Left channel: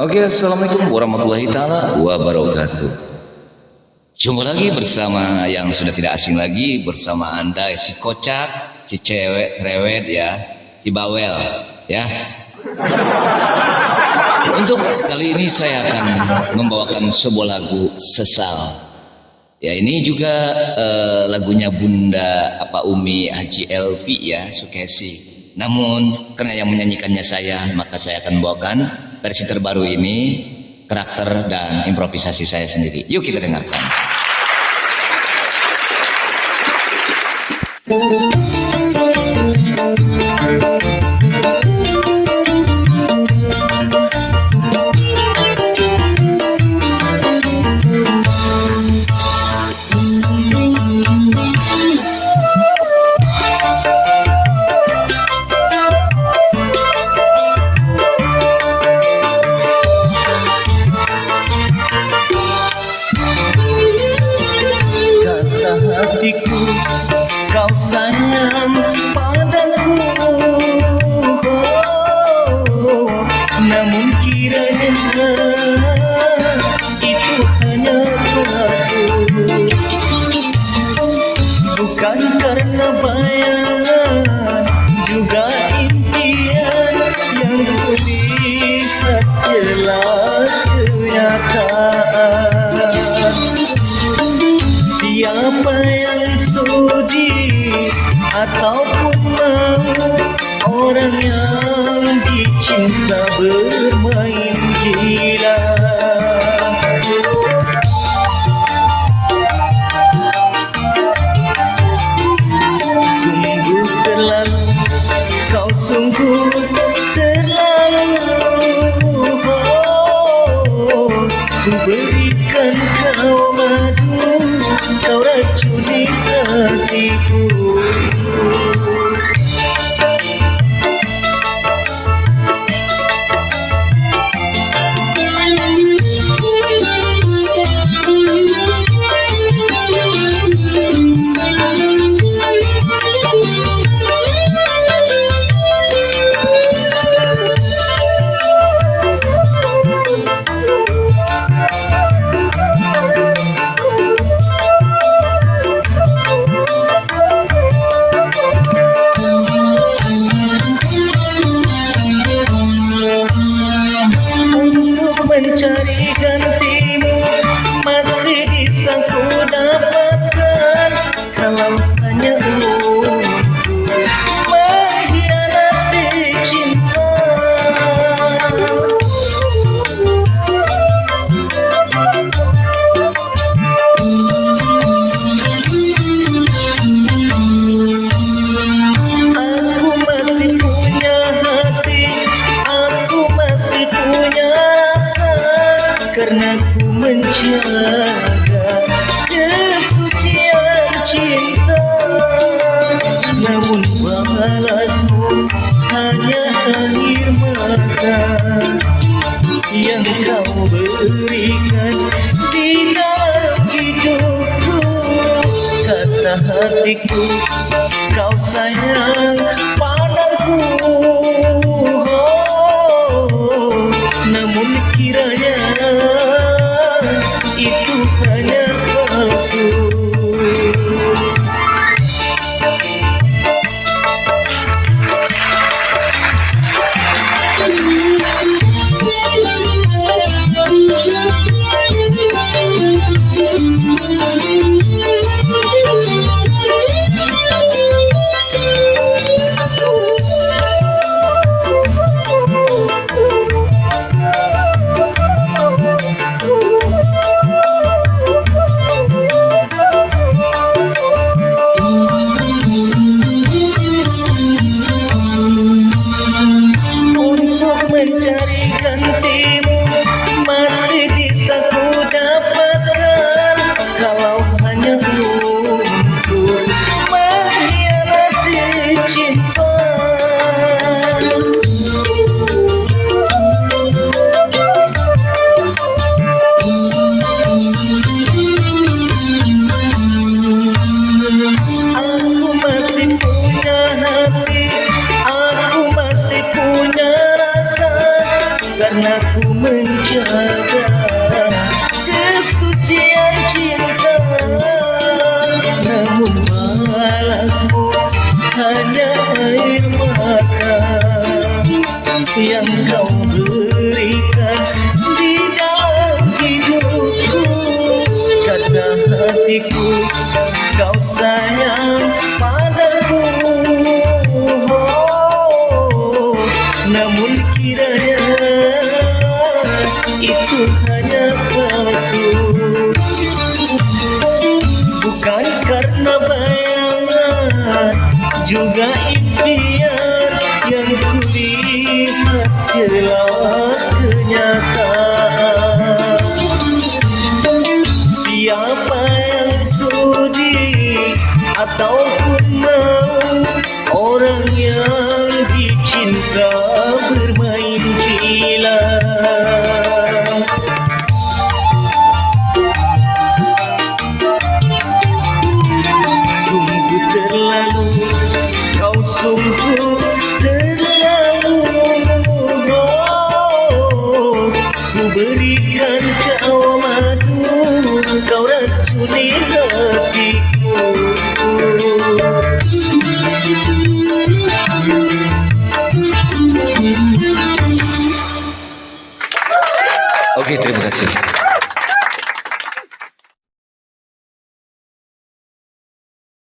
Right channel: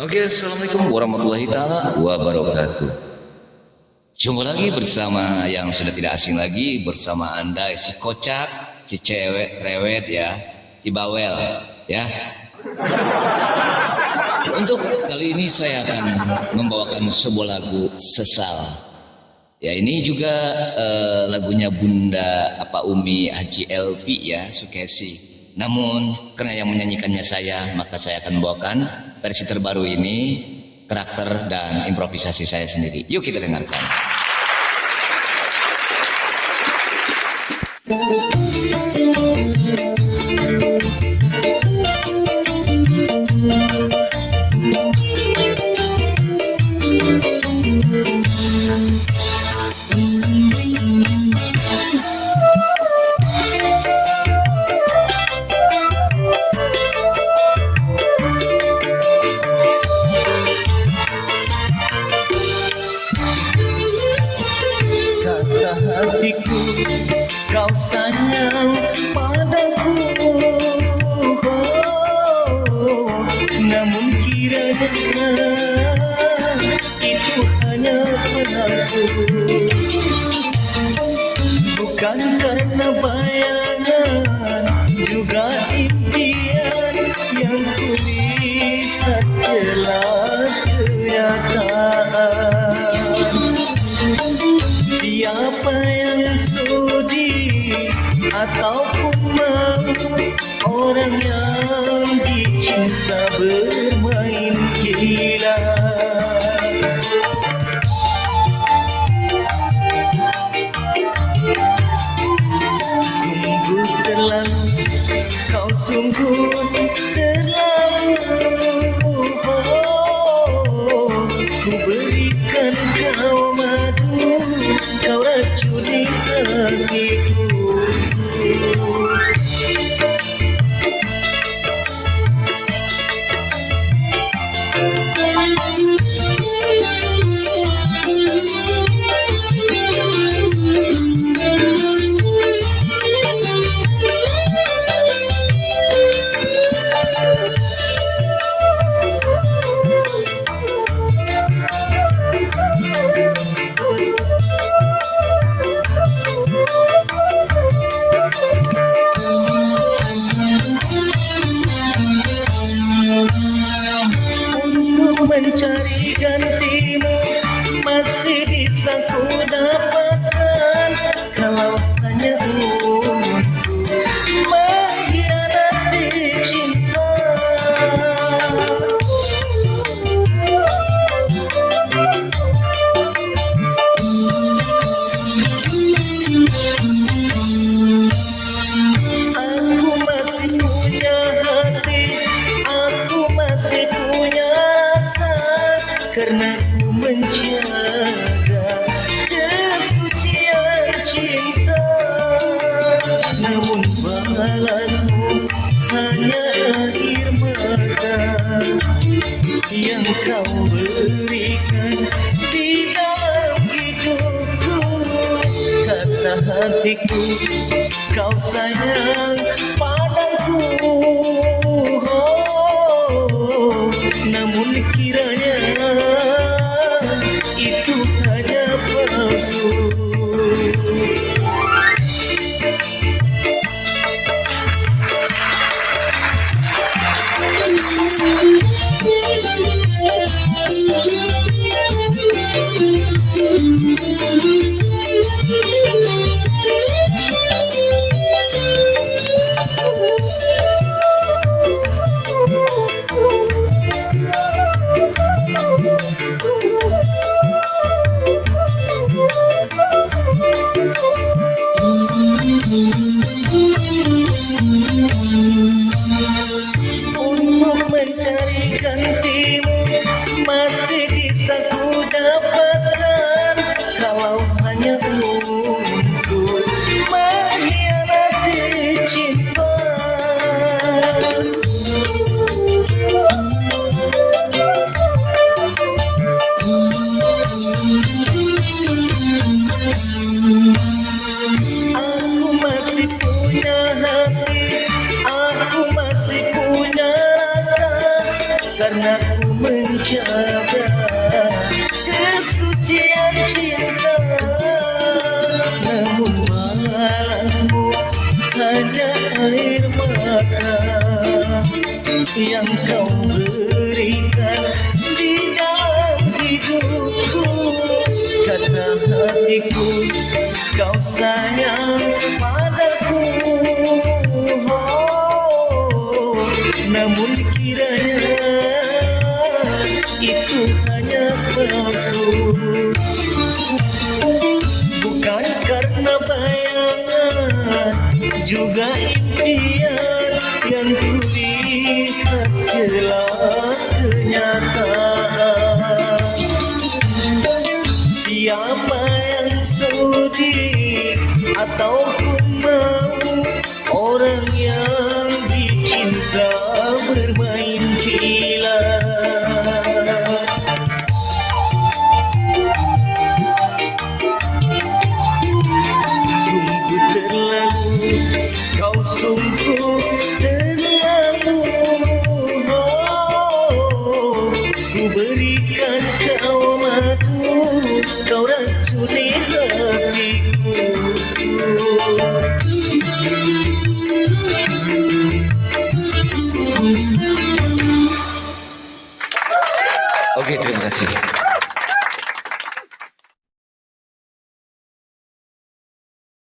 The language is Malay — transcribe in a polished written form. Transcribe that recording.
Oke, assalamualaikum warahmatullahi taala wabarakatuh. Jumpa lagi bersama yang sudah tidak asing lagi bersama Anda, si kocak, si cewek cerewet ya, si bawel ya. Untuk kali ini saya akan membawakan sebuah lagu Sesal. Ya, ini juga lagunya Bunda Umi Haji LP ya, Sukesi. Namun karena yang menyanyikannya saya, maka saya akan membawakan versi terbaru ini, karakter dan improvisasi saya sendiri. Yuk kita dengarkan. Kau sayang padaku, namun kiranya itu hanya palsu, bukan karena bayangan juga impian yang kulihat jelas kenyataan. Siapa yang ataupun mau orang yang dicinta bermain gila. Sungguh terlalu, kau sungguh terlalu. Ku berikan kau madu, kau racuni hatiku. Mencari gantimu masih bisa ku dapatkan, kalau hanya untuk mengkhianati cinta. Aku masih punya hati, aku masih punya karena ku menjaga kesucian cinta. Namun balasmu hanya air mata yang kau berikan di dalam hidupku. Kata hatiku, kau sayang padaku, namun kiranya itu hanya palsu. juga